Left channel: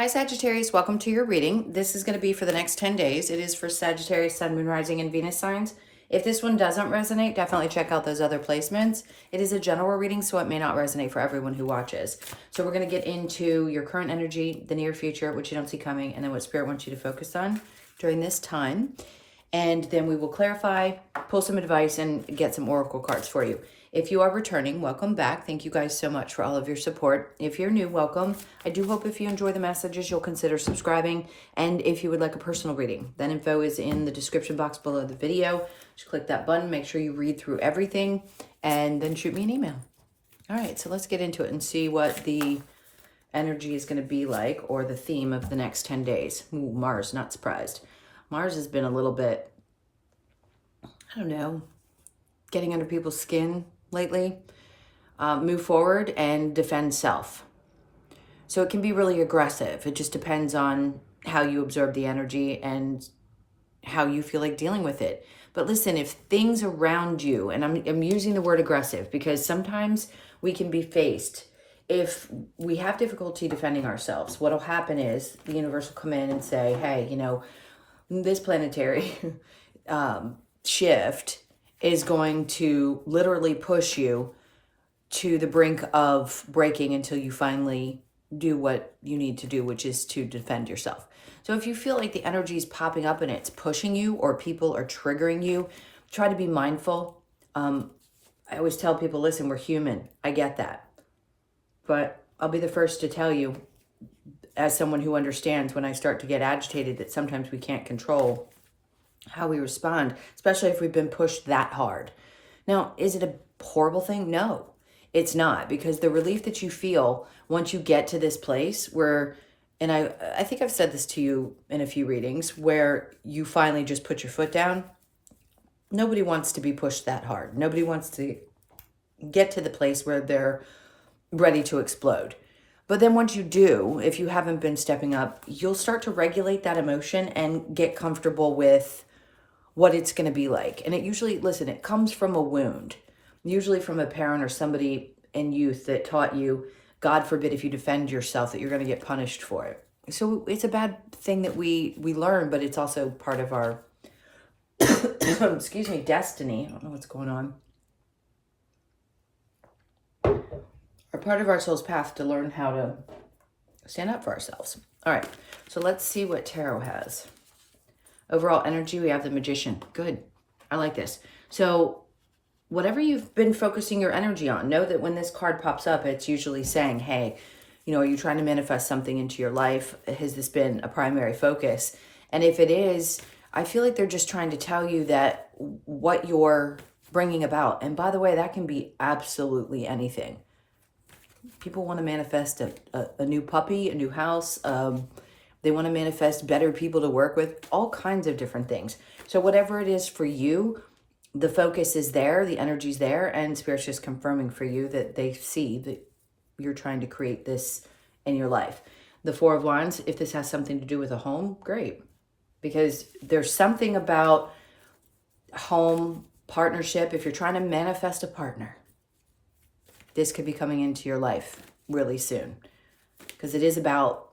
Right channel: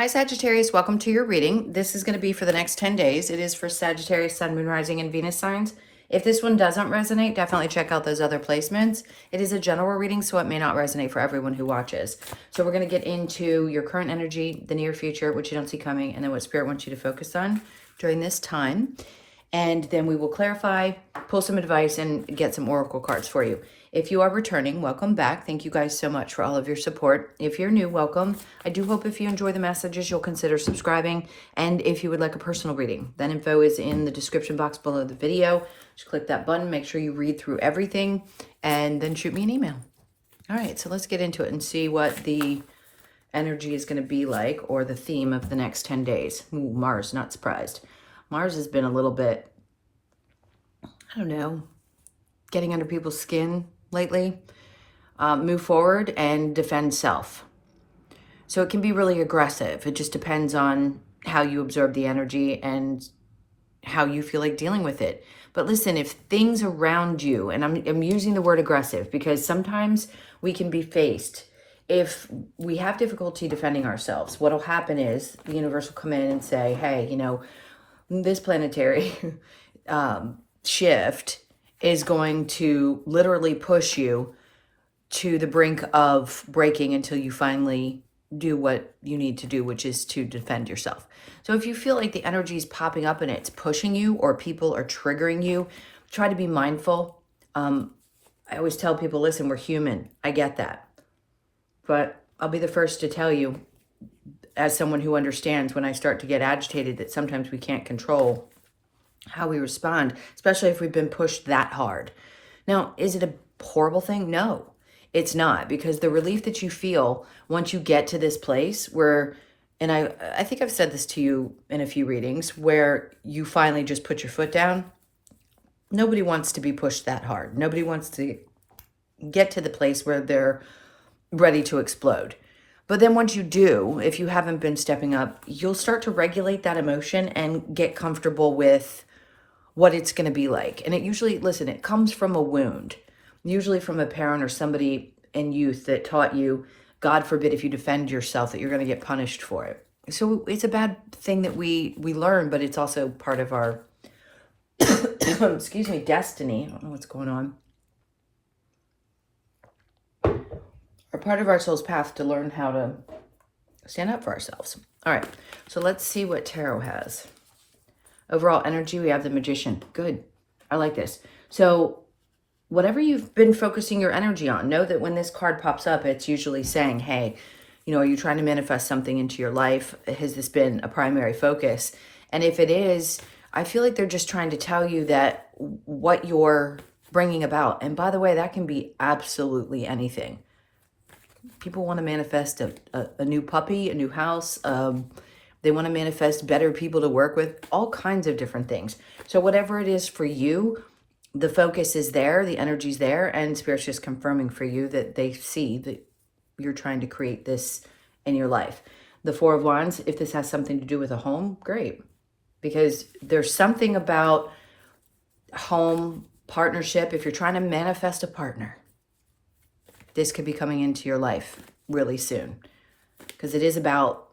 Hi Sagittarius, welcome to your reading. This is going to be for the next 10 days. It is for Sagittarius, Sun, Moon, Rising, and Venus signs. If this one doesn't resonate, definitely check out those other placements. It is a general reading, so it may not resonate for everyone who watches. So we're going to get into your current energy, the near future, which you don't see coming, and then what Spirit wants you to focus on during this time. And then we will clarify, pull some advice, and get some oracle cards for you. If you are returning, welcome back. Thank you guys so much for all of your support. If you're new, welcome. I do hope if you enjoy the messages, you'll consider subscribing. And if you would like a personal reading, that info is in the description box below the video. Just click that button, make sure you read through everything, and then shoot me an email. All right, so let's get into it and see what the energy is going to be like, or the theme of the next 10 days. Ooh, Mars, not surprised. Mars has been a little bit, I don't know, getting under people's skin lately. Move forward and defend self. So it can be really aggressive. It just depends on how you absorb the energy and how you feel like dealing with it. But listen, if things around you, and I'm using the word aggressive because sometimes we can be faced. If we have difficulty defending ourselves, what'll happen is the universe will come in and say, hey, you know, this planetary shift is going to literally push you to the brink of breaking until you finally do what you need to do, which is to defend yourself. So if you feel like the energy is popping up and it's pushing you, or people are triggering you, try to be mindful. I always tell people, listen, we're human. I get that. But I'll be the first to tell you, as someone who understands when I start to get agitated, that sometimes we can't control how we respond, especially if we've been pushed that hard. Now, is it a horrible thing? No, it's not, because the relief that you feel once you get to this place where, and I think I've said this to you in a few readings, where you finally just put your foot down. Nobody wants to be pushed that hard. Nobody wants to get to the place where they're ready to explode. But then once you do, if you haven't been stepping up, you'll start to regulate that emotion and get comfortable with what it's going to be like. And it usually, listen, it comes from a wound, usually from a parent or somebody in youth that taught you, God forbid, if you defend yourself, that you're going to get punished for it. So it's a bad thing that we learn, but it's also part of our, excuse me, destiny. I don't know what's going on. Or part of our soul's path to learn how to stand up for ourselves. All right, so let's see what tarot has. Overall energy, we have the Magician. Good. I like this. So whatever you've been focusing your energy on, know that when this card pops up, it's usually saying, hey, you know, are you trying to manifest something into your life? Has this been a primary focus? And if it is, I feel like they're just trying to tell you that what you're bringing about, and by the way, that can be absolutely anything. People want to manifest a new puppy, a new house. They want to manifest better people to work with, all kinds of different things. So whatever it is for you, the focus is there, the energy's there, and Spirit's just confirming for you that they see that you're trying to create this in your life. The Four of Wands, if this has something to do with a home, great. Because there's something about home, partnership. If you're trying to manifest a partner, this could be coming into your life really soon. Because it is about,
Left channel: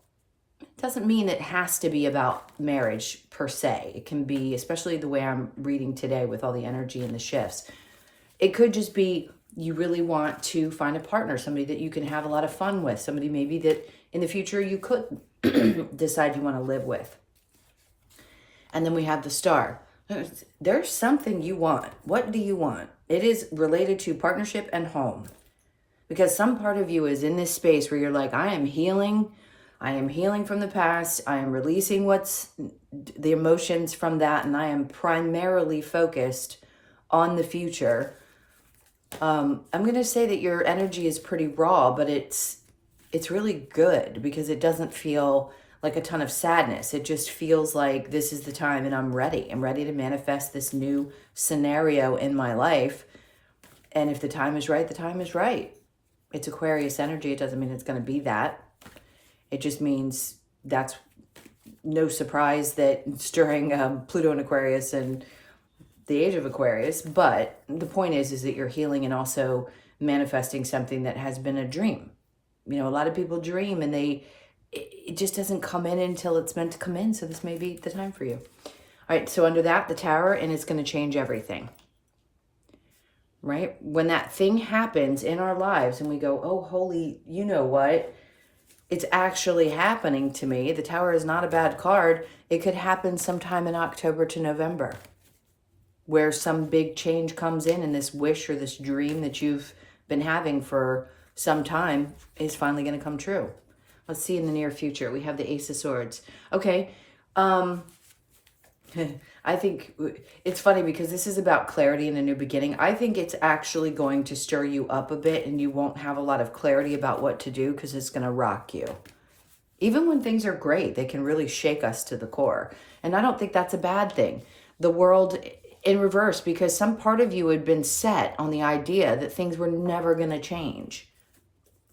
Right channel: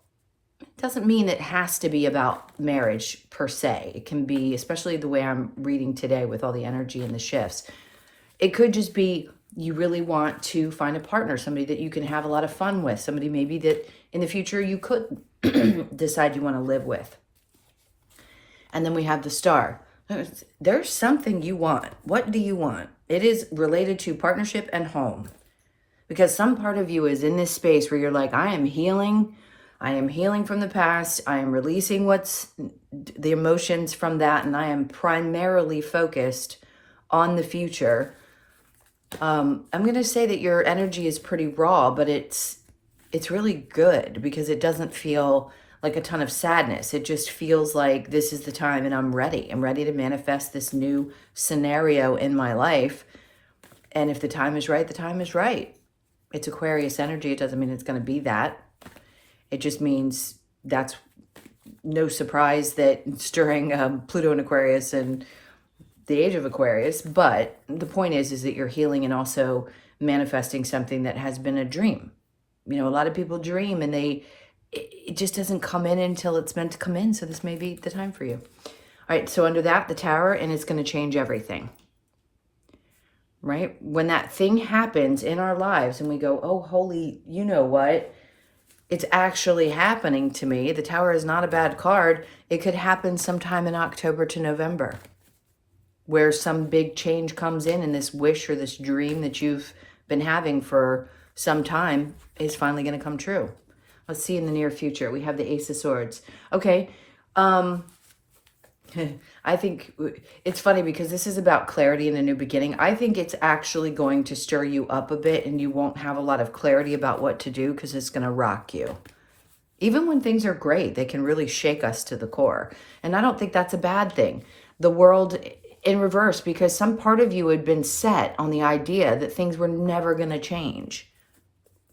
it doesn't mean it has to be about marriage per se. It can be, especially the way I'm reading today with all the energy and the shifts, it could just be you really want to find a partner, somebody that you can have a lot of fun with, somebody maybe that in the future you could decide you want to live with. And then we have the Star. There's something you want. What do you want? It is related to partnership and home. Because some part of you is in this space where you're like, I am healing from the past. I am releasing what's the emotions from that. And I am primarily focused on the future. I'm going to say that your energy is pretty raw, but it's really good because it doesn't feel like a ton of sadness. It just feels like this is the time and I'm ready. I'm ready to manifest this new scenario in my life. And if the time is right, the time is right. It's Aquarius energy. It doesn't mean it's going to be that. It just means that's no surprise that it's during Pluto and Aquarius and the age of Aquarius. But the point is that you're healing and also manifesting something that has been a dream. You know, a lot of people dream and they it just doesn't come in until it's meant to come in. So this may be the time for you. All right, so under that, the Tower, and it's going to change everything. Right? When that thing happens in our lives and we go, oh, holy, you know what? It's actually happening to me. The Tower is not a bad card. It could happen sometime in October to November, where some big change comes in and this wish or this dream that you've been having for some time is finally going to come true. Let's see in the near future. We have the Ace of Swords. Okay. I think it's funny because this is about clarity and a new beginning. I think it's actually going to stir you up a bit and you won't have a lot of clarity about what to do because it's going to rock you. Even when things are great, they can really shake us to the core. And I don't think that's a bad thing. The world in reverse, because some part of you had been set on the idea that things were never going to change.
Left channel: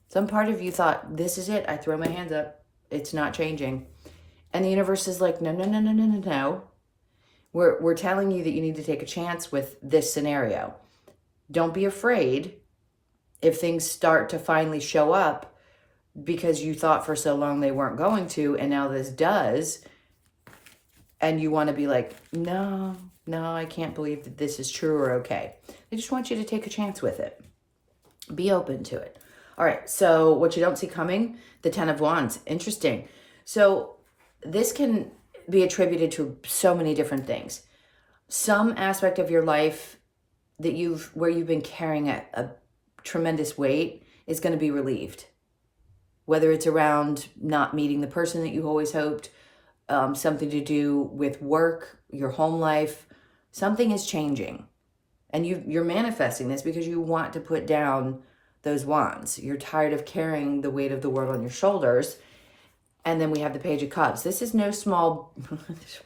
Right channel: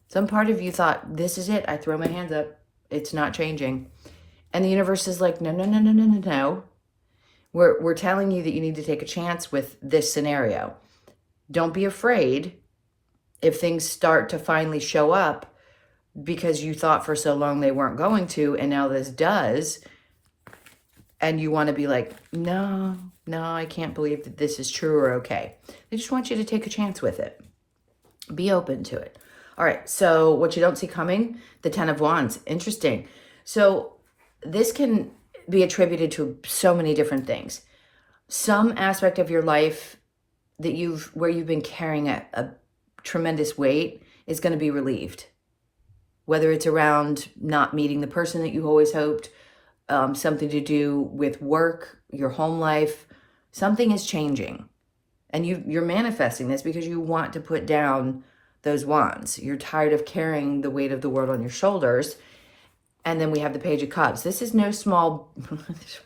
Some part of you thought, this is it. I throw my hands up. It's not changing. And the universe is like, no, no, no, no, no, no, no. We're telling you that you need to take a chance with this scenario. Don't be afraid if things start to finally show up because you thought for so long they weren't going to, and now this does. And you want to be like, no, I can't believe that this is true or okay. They just want you to take a chance with it. Be open to it. All right, so what you don't see coming, the Ten of Wands. Interesting. So this can be attributed to so many different things. Some aspect of your life that where you've been carrying a tremendous weight is going to be relieved. Whether it's around not meeting the person that you always hoped, something to do with work, your home life, something is changing. And you're manifesting this because you want to put down those wands. You're tired of carrying the weight of the world on your shoulders. And then we have the Page of Cups. This is no small,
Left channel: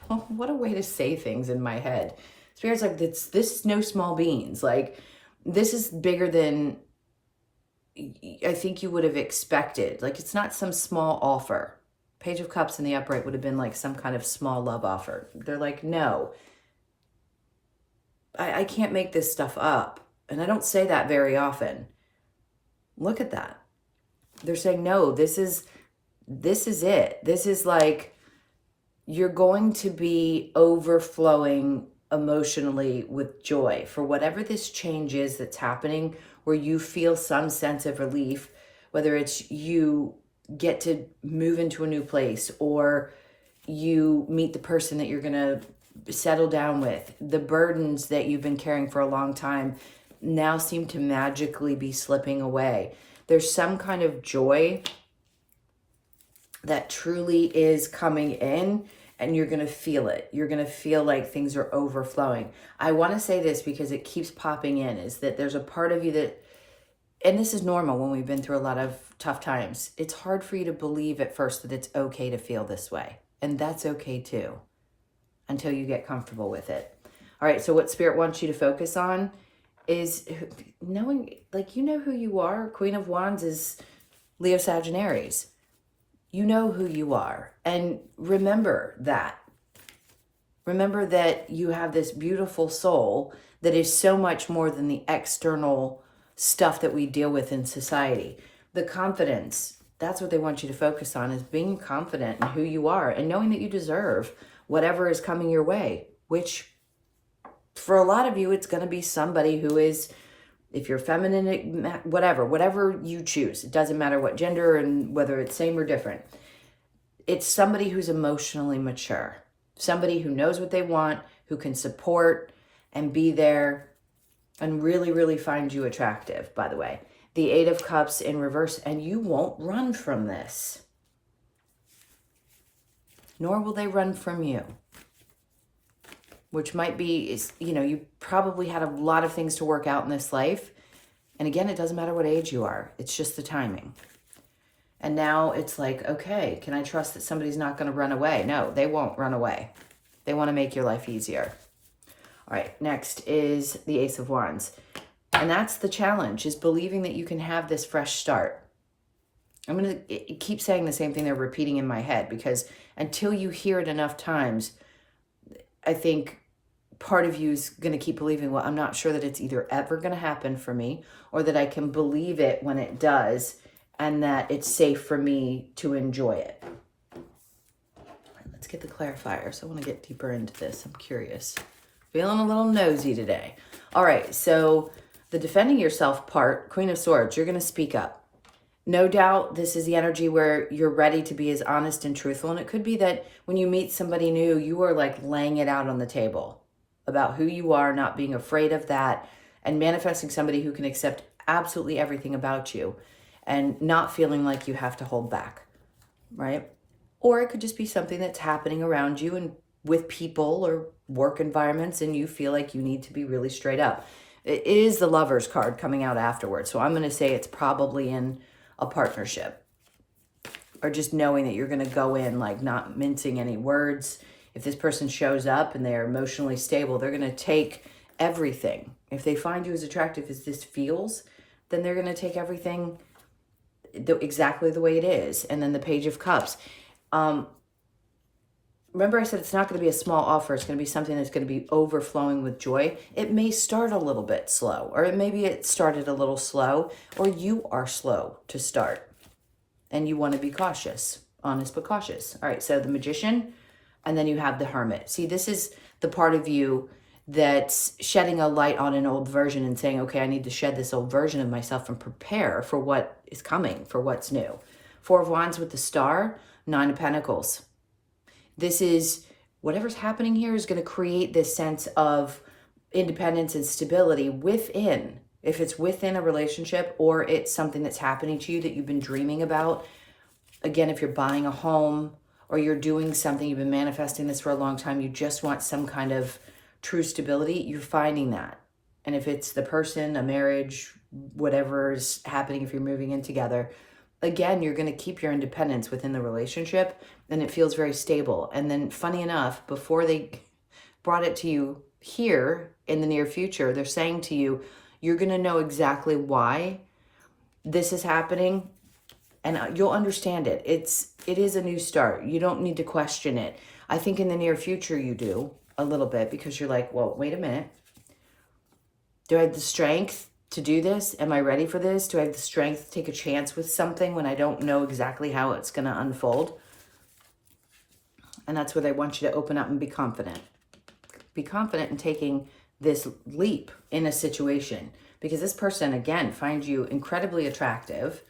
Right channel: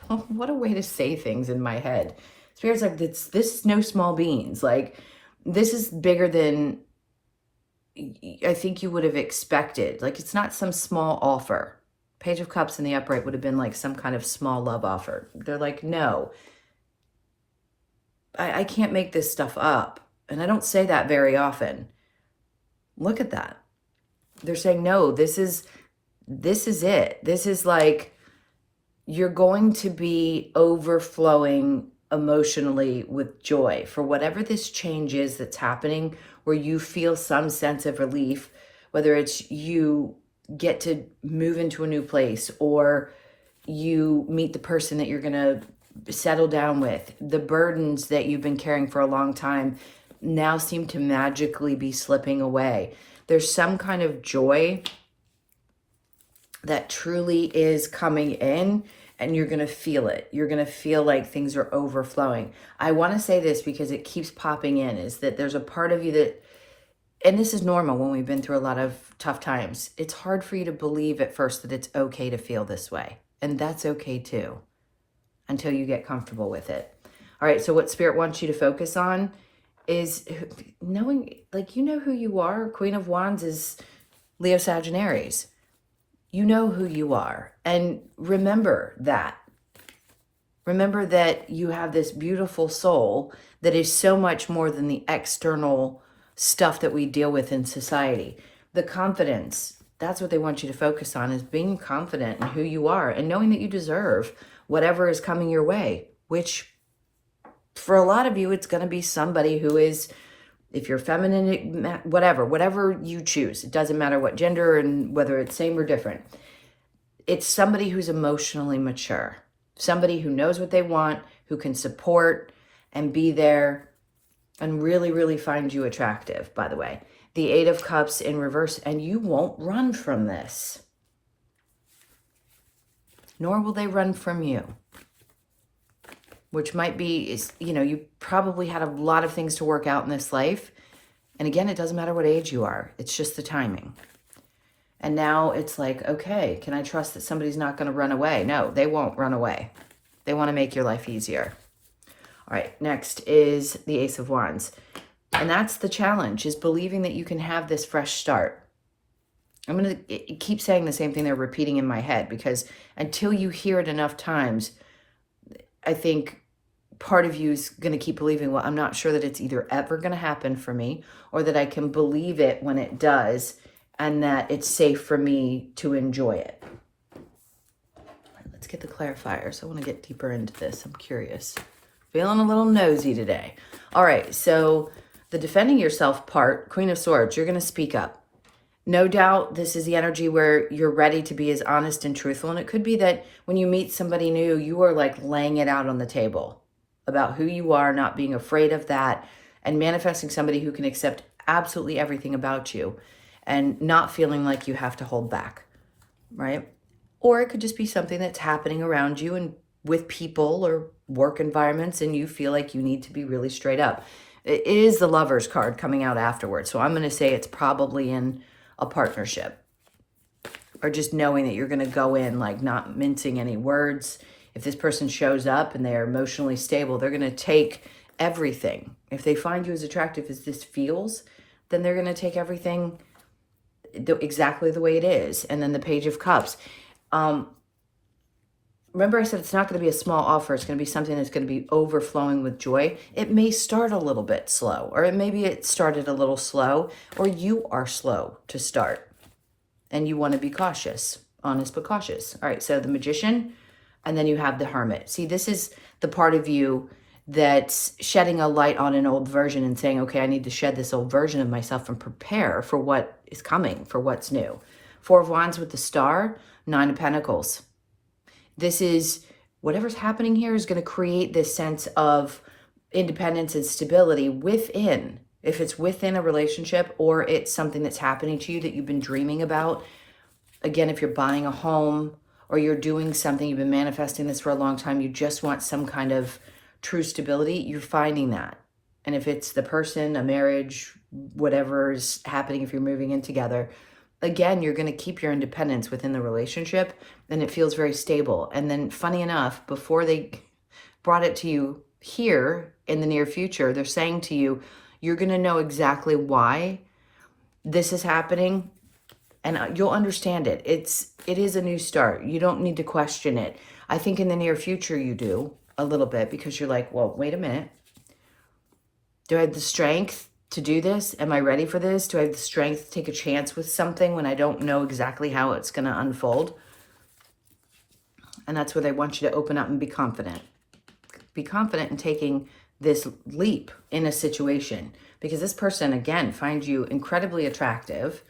what a way to say things in my head. Spirit's like, this is no small beans. Like, this is bigger than I think you would have expected. Like, it's not some small offer. Page of Cups in the upright would have been like some kind of small love offer. They're like, no, I can't make this stuff up. And I don't say that very often. Look at that. They're saying, no, this is it. This is like, you're going to be overflowing emotionally with joy for whatever this change is that's happening, where you feel some sense of relief, whether it's you get to move into a new place or you meet the person that you're going to settle down with. The burdens that you've been carrying for a long time now seem to magically be slipping away. There's some kind of joy that truly is coming in, and you're going to feel it. You're going to feel like things are overflowing. I want to say this because it keeps popping in, is that there's a part of you that, and this is normal when we've been through a lot of tough times, it's hard for you to believe at first that it's okay to feel this way. And that's okay too, until you get comfortable with it. All right, so what Spirit wants you to focus on is knowing, like, you know who you are. Queen of Wands is Leo Sagittarius. You know who you are. And remember that. Remember that you have this beautiful soul that is so much more than the external stuff that we deal with in society. The confidence, that's what they want you to focus on, is being confident in who you are and knowing that you deserve whatever is coming your way, which for a lot of you, it's going to be somebody who is, if you're feminine, whatever you choose. It doesn't matter what gender and whether it's same or different. It's somebody who's emotionally mature, somebody who knows what they want, who can support and be there and really, really find you attractive, by the way. The Eight of Cups in reverse, and you won't run from this. Nor will they run from you. Which might be, you probably had a lot of things to work out in this life. And again, it doesn't matter what age you are. It's just the timing. And now it's like, okay, can I trust that somebody's not going to run away? No, they won't run away. They want to make your life easier. All right, next is the Ace of Wands. And that's the challenge, is believing that you can have this fresh start. I'm going to keep saying the same thing they're repeating in my head, because until you hear it enough times, I think part of you is going to keep believing, well, I'm not sure that it's either ever going to happen for me or that I can believe it when it does. and that it's safe for me to enjoy it. Let's get the clarifiers. I want to get deeper into this. I'm curious. Feeling a little nosy today. All right, so the defending yourself part, Queen of Swords, you're going to speak up. No doubt this is the energy where you're ready to be as honest and truthful. And it could be that when you meet somebody new, you are like laying it out on the table about who you are, not being afraid of that, and manifesting somebody who can accept absolutely everything about you and not feeling like you have to hold back, right? Or it could just be something that's happening around you and with people or work environments, and you feel like you need to be really straight up. It is the Lovers card coming out afterwards. So I'm going to say it's probably in a partnership, or just knowing that you're going to go in like not mincing any words. If this person shows up and they are emotionally stable, they're going to take everything. If they find you as attractive as this feels, then they're going to take everything exactly the way it is. And then the Page of Cups. Remember I said it's not going to be a small offer. It's going to be something that's going to be overflowing with joy. It may start a little bit slow, or maybe it started a little slow, or you are slow to start and you want to be cautious, honest but cautious. All right, so the Magician, and then you have the Hermit. See, this is the part of you that's shedding a light on an old version and saying, okay, I need to shed this old version of myself and prepare for what is coming, for what's new. Four of Wands with the Star, Nine of Pentacles. This is, whatever's happening here is going to create this sense of independence and stability within, if it's within a relationship or it's something that's happening to you that you've been dreaming about. Again, if you're buying a home or you're doing something, you've been manifesting this for a long time, you just want some kind of true stability, you're finding that. And if it's the person, a marriage, whatever's happening, if you're moving in together, again, you're going to keep your independence within the relationship, and it feels very stable. And then funny enough, before they brought it to you here in the near future, they're saying to you, you're going to know exactly why this is happening, and you'll understand it. It is a new start. You don't need to question it. I think in the near future you do a little bit, because you're like, well, wait a minute. Do I have the strength to do this? Am I ready for this? Do I have the strength to take a chance with something when I don't know exactly how it's going to unfold? And that's where they want you to open up and be confident. Be confident in taking this leap in a situation, because this person, again, finds you incredibly attractive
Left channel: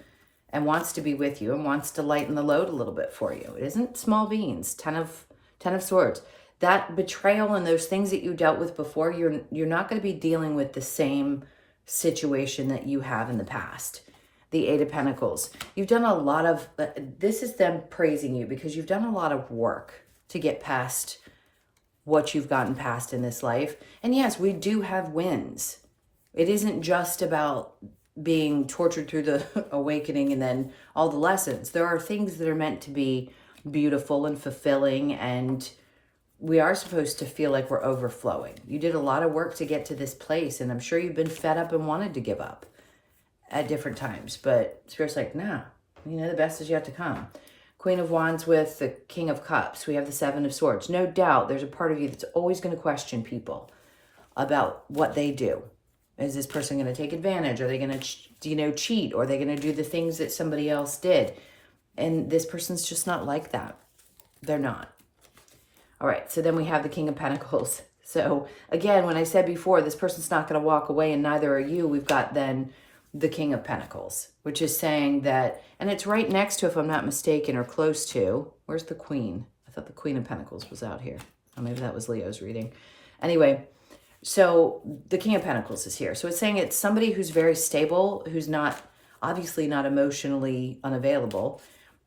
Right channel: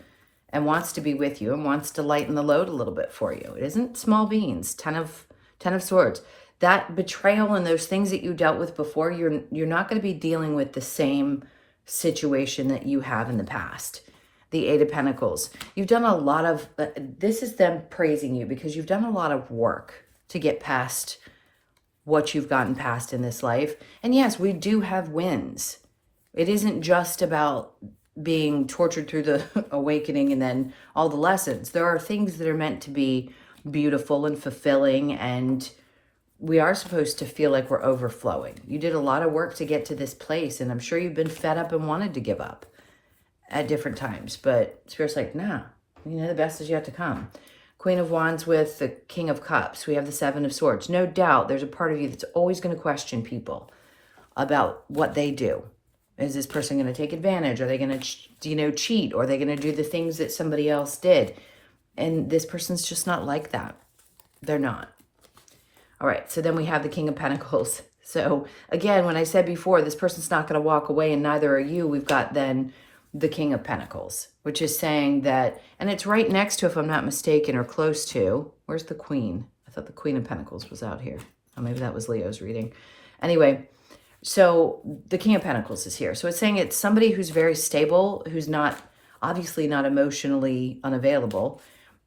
and wants to be with you and wants to lighten the load a little bit for you. It isn't small beans. Ten of Swords. That betrayal and those things that you dealt with before, you're not going to be dealing with the same situation that you have in the past. The Eight of Pentacles. You've done a lot of, this is them praising you because you've done a lot of work to get past what you've gotten past in this life. And yes, we do have wins. It isn't just about being tortured through the awakening and then all the lessons. There are things that are meant to be beautiful and fulfilling, and we are supposed to feel like we're overflowing. You did a lot of work to get to this place, and I'm sure you've been fed up and wanted to give up at different times, but Spirit's like, nah, the best is yet to come. Queen of Wands with the King of Cups. We have the Seven of Swords. No doubt there's a part of you that's always going to question people about what they do. Is this person going to take advantage? Are they going to, cheat? Or are they going to do the things that somebody else did? And this person's just not like that. They're not. All right, so then we have the King of Pentacles. So again, when I said before, this person's not going to walk away and neither are you, we've got then the King of Pentacles, which is saying that, and it's right next to, if I'm not mistaken, or close to, where's the Queen? I thought the Queen of Pentacles was out here. Oh, maybe that was Leo's reading. Anyway, so the King of Pentacles is here. So it's saying it's somebody who's very stable, who's obviously not emotionally unavailable,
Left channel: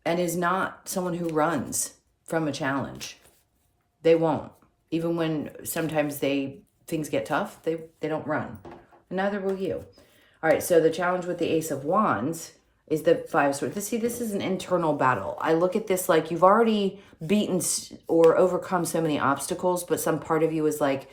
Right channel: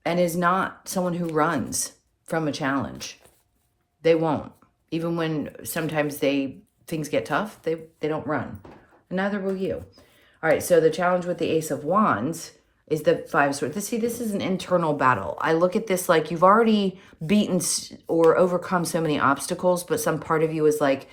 and is not someone who runs from a challenge. They won't. Even when sometimes things get tough, they don't run. And neither will you. All right, so the challenge with the Ace of Wands is the Five of Swords. See, this is an internal battle. I look at this like you've already beaten or overcome so many obstacles, but some part of you is like,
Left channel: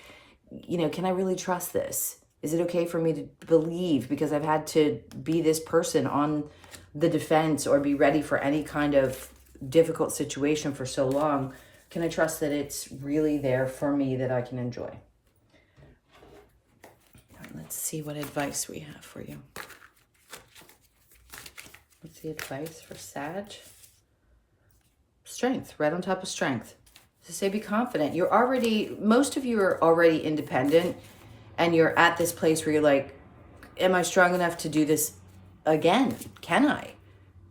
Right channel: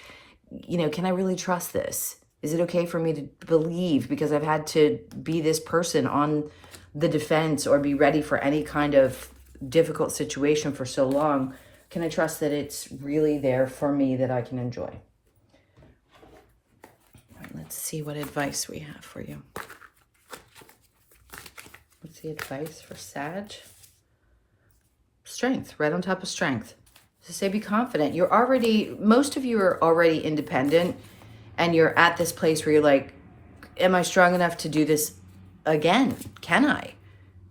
can I really trust this? Is it okay for me to believe, because I've had to be this person on the defense or be ready for any kind of difficult situation for so long? Can I trust that it's really there for me, that I can enjoy? All right, let's see what advice we have for you. What's the advice for Sag? Strength, right on top of strength. So say be confident. Most of you are already independent, and you're at this place where you're like, am I strong enough to do this again? Can I?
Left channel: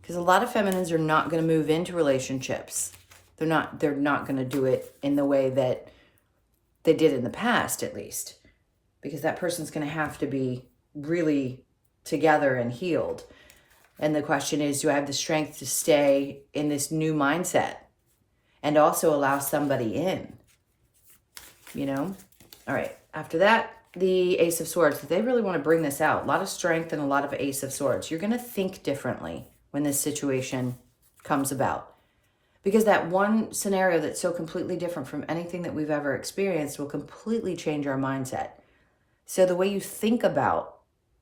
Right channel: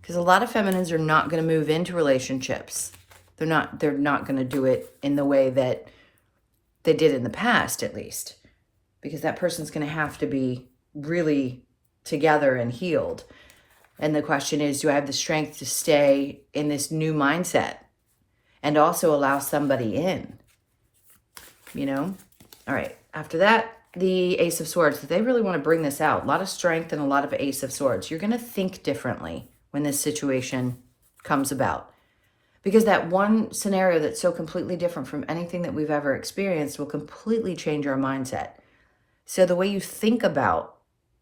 Because a lot of feminines are not going to move into relationships. They're not going to do it in the way that they did in the past, at least. Because that person's going to have to be really together and healed. And the question is, do I have the strength to stay in this new mindset and also allow somebody in? You know? All right. After that, the Ace of Swords. They really want to bring this out. A lot of strength and a lot of Ace of Swords. You're going to think differently when this situation comes about. Because that one scenario that's so completely different from anything that we've ever experienced will completely change our mindset. So the way you think about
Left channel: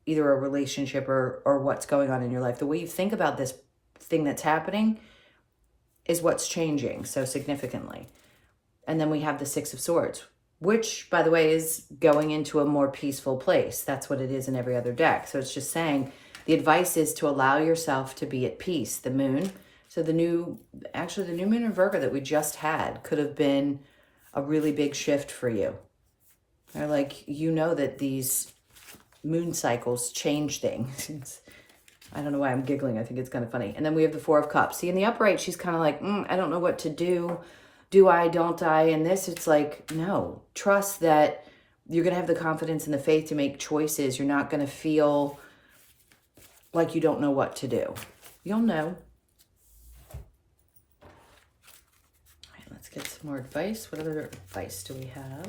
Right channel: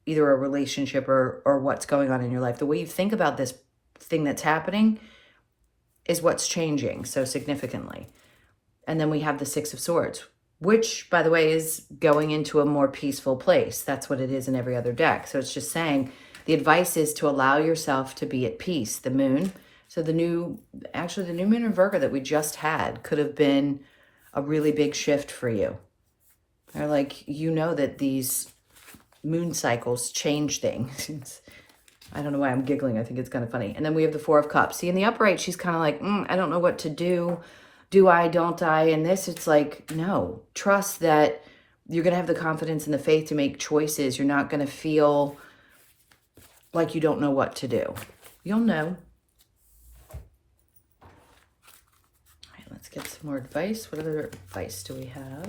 either a relationship or what's going on in your life, the way you think about this thing that's happening is what's changing so significantly. And then we have the Six of Swords, which, by the way, is going into a more peaceful place. That's what it is in every other deck. So it's just saying the advice is to allow yourself to be at peace. The moon. So the new moon in Virgo that we just had could have been a really big shift for you. Or like, you know that these moon cycles change things. I don't know why I'm giggling. I think it's kind of funny. And then we have the Four of Cups. See, in the upright, she's kind of like, I don't know what to do. Do I, don't I? And this, it's like, no. Trust that you're going to have the confidence and the faith to make choices. You're not going to feel like you don't know what to do. You'll know. All right, let's get some more advice. What other advice do we have?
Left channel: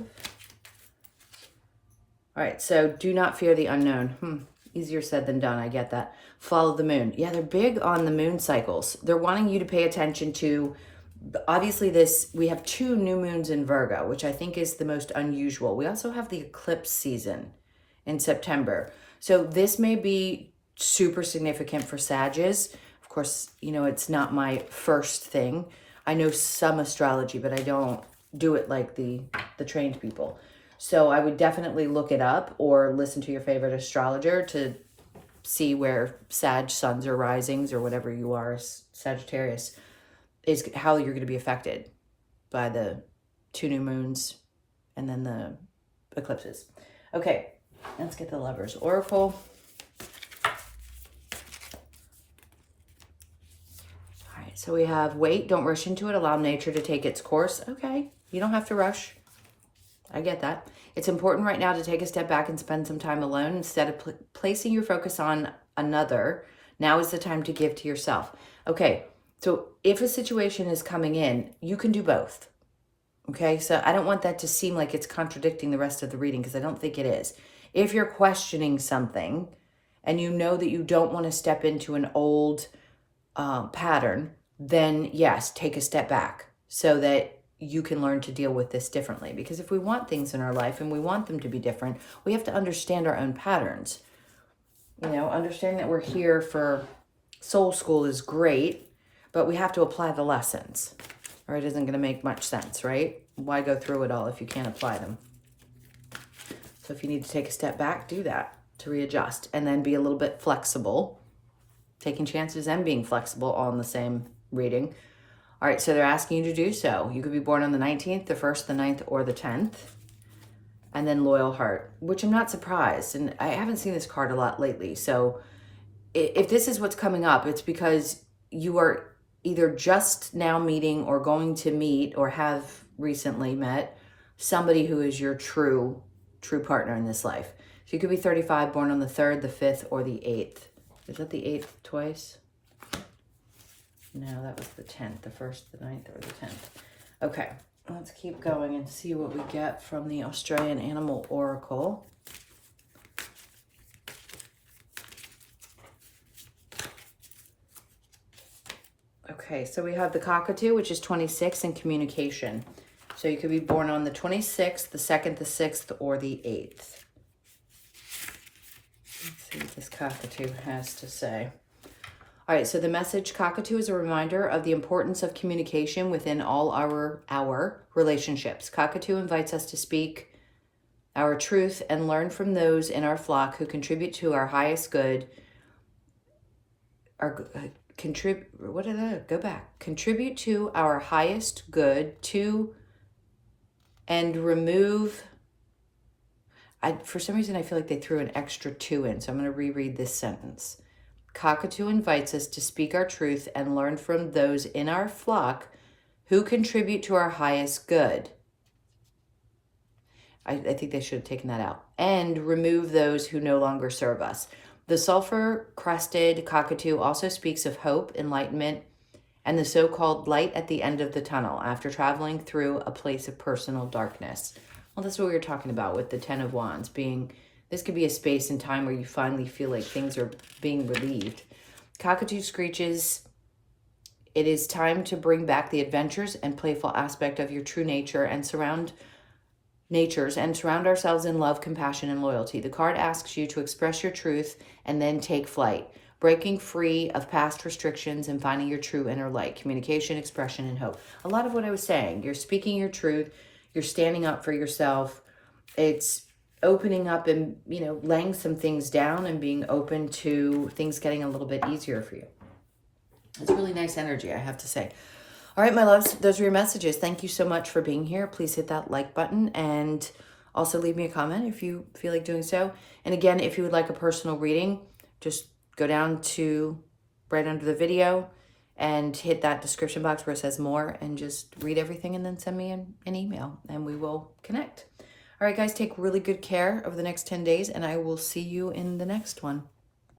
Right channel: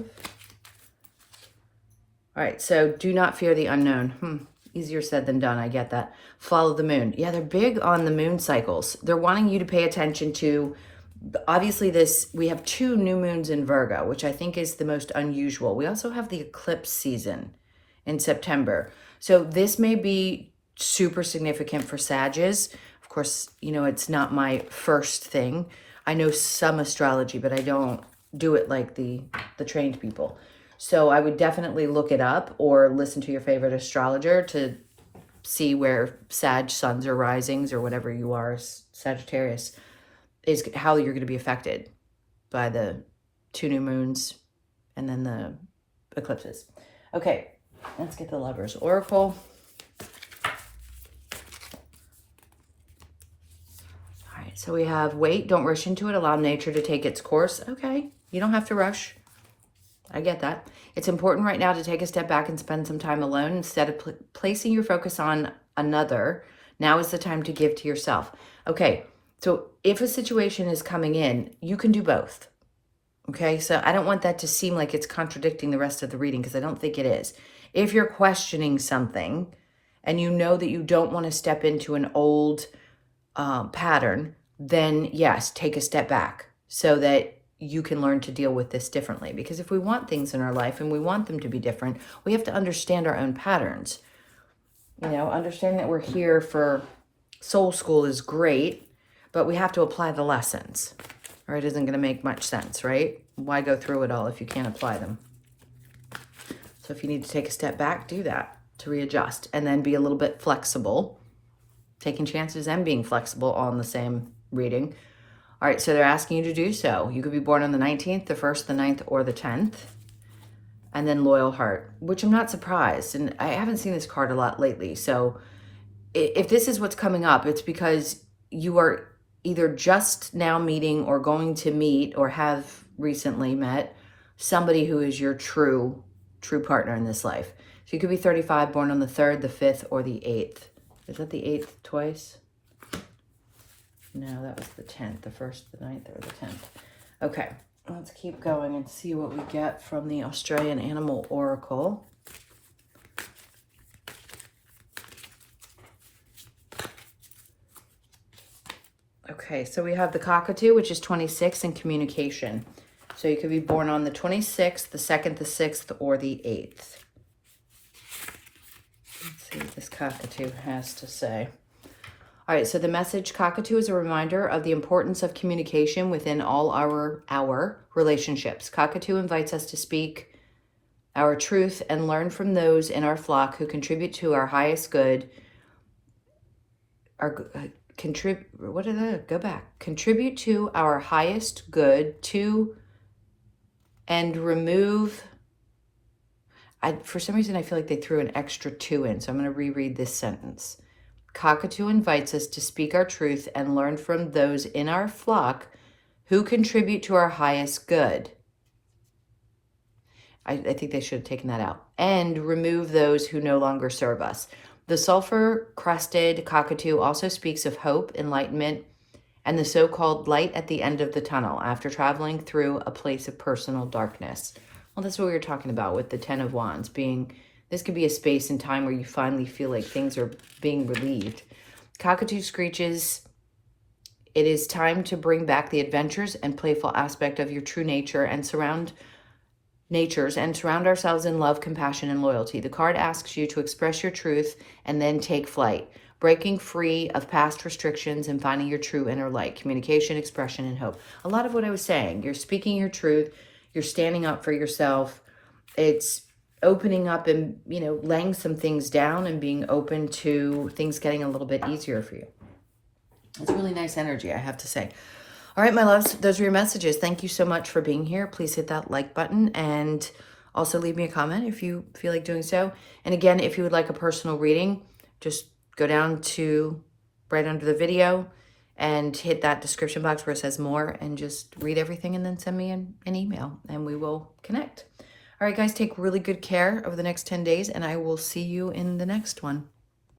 All right, so do not fear the unknown. Easier said than done, I get that. Follow the moon. Yeah, they're big on the moon cycles. They're wanting you to pay attention to, obviously we have 2 new moons in Virgo, which I think is the most unusual. We also have the eclipse season in September. So this may be super significant for Sages. Of course, you know, it's not my first thing. I know some astrology, but I don't do it like the trained people. So I would definitely look it up or listen to your favorite astrologer to see where Sag suns or risings or whatever you are, Sagittarius, is how you're going to be affected by the 2 new moons and then the eclipses. Okay, let's get the Lovers Oracle. All right, so we have wait, don't rush into it, allow nature to take its course. Okay, you don't have to rush. I get that. It's important right now to take a step back and spend some time alone instead of placing your focus on another. Now is the time to give to yourself. Okay, so if a situation is coming in, you can do both. Okay, so I don't want that to seem like it's contradicting the rest of the reading because I don't think it is. If you're questioning something and you know that you don't want to step into an old pattern, then yes, take a step back so that you can learn to deal with this differently. Because if we want things in our life and we want them to be different, we have to understand our own patterns. You know, understanding that we're here for soul school is great, but we have to apply the lessons, or it isn't going to make much sense, right? Why go through it all if you can't apply them? So if you need to take a step back, do that to readjust and then be a little bit flexible, taking chances and being flexible all in the same reading. All right, so they're asking you to do so. You could be born on the 19th, the 1st, the 9th, or the 10th. And then Loyal Heart, which I'm not surprised. And I haven't seen this card a lot lately. So if this is what's coming up, it's because you are either just now meeting or going to meet or have recently met somebody who is your true partner in this life. So you could be 35, born on the 3rd, the 5th, or the 8th. Is that the 8th twice? No, that was the 10th, the 1st, the 9th, or the 10th. Okay, let's keep going and see what we get from the Australian Animal Oracle. Okay, so we have the Cockatoo, which is 26 in communication. So you could be born on the 26th, the 2nd, the 6th, or the 8th. Let's see what this Cockatoo has to say. All right, so the message, Cockatoo, is a reminder of the importance of communication within all our relationships. Cockatoo invites us to speak our truth and learn from those in our flock who contribute to our highest good. Contribute to our highest good and remove. For some reason, I feel like they threw an extra 2 in, so I'm going to reread this sentence. Cockatoo invites us to speak our truth and learn from those in our flock who contribute to our highest good. I think they should have taken that out. And remove those who no longer serve us. The sulfur-crested cockatoo also speaks of hope, enlightenment, and the so-called light at the end of the tunnel after traveling through a place of personal darkness. Well, that's what we were talking about with the 10 of Wands being, this could be a space and time where you finally feel like things are being relieved. Cockatoo screeches, it is time to bring back the adventures and playful aspect of your true nature and surround ourselves in love, compassion, and loyalty. The card asks you to express your truth and then take flight, breaking free of past restrictions and finding your true inner light, communication, expression, and hope. A lot of what I was saying, you're speaking your truth, you're standing up for yourself. It's opening up and, laying some things down and being open to things getting a little bit easier for you. It's really nice energy, I have to say. All right, my loves, those are your messages. Thank you so much for being here. Please hit that like button and also leave me a comment if you feel like doing so. And again, if you would like a personal reading, just go down to right under the video and hit that description box where it says more and just read everything and then send me an email and we will connect. All right, guys, take really good care over the next 10 days and I will see you in the next one.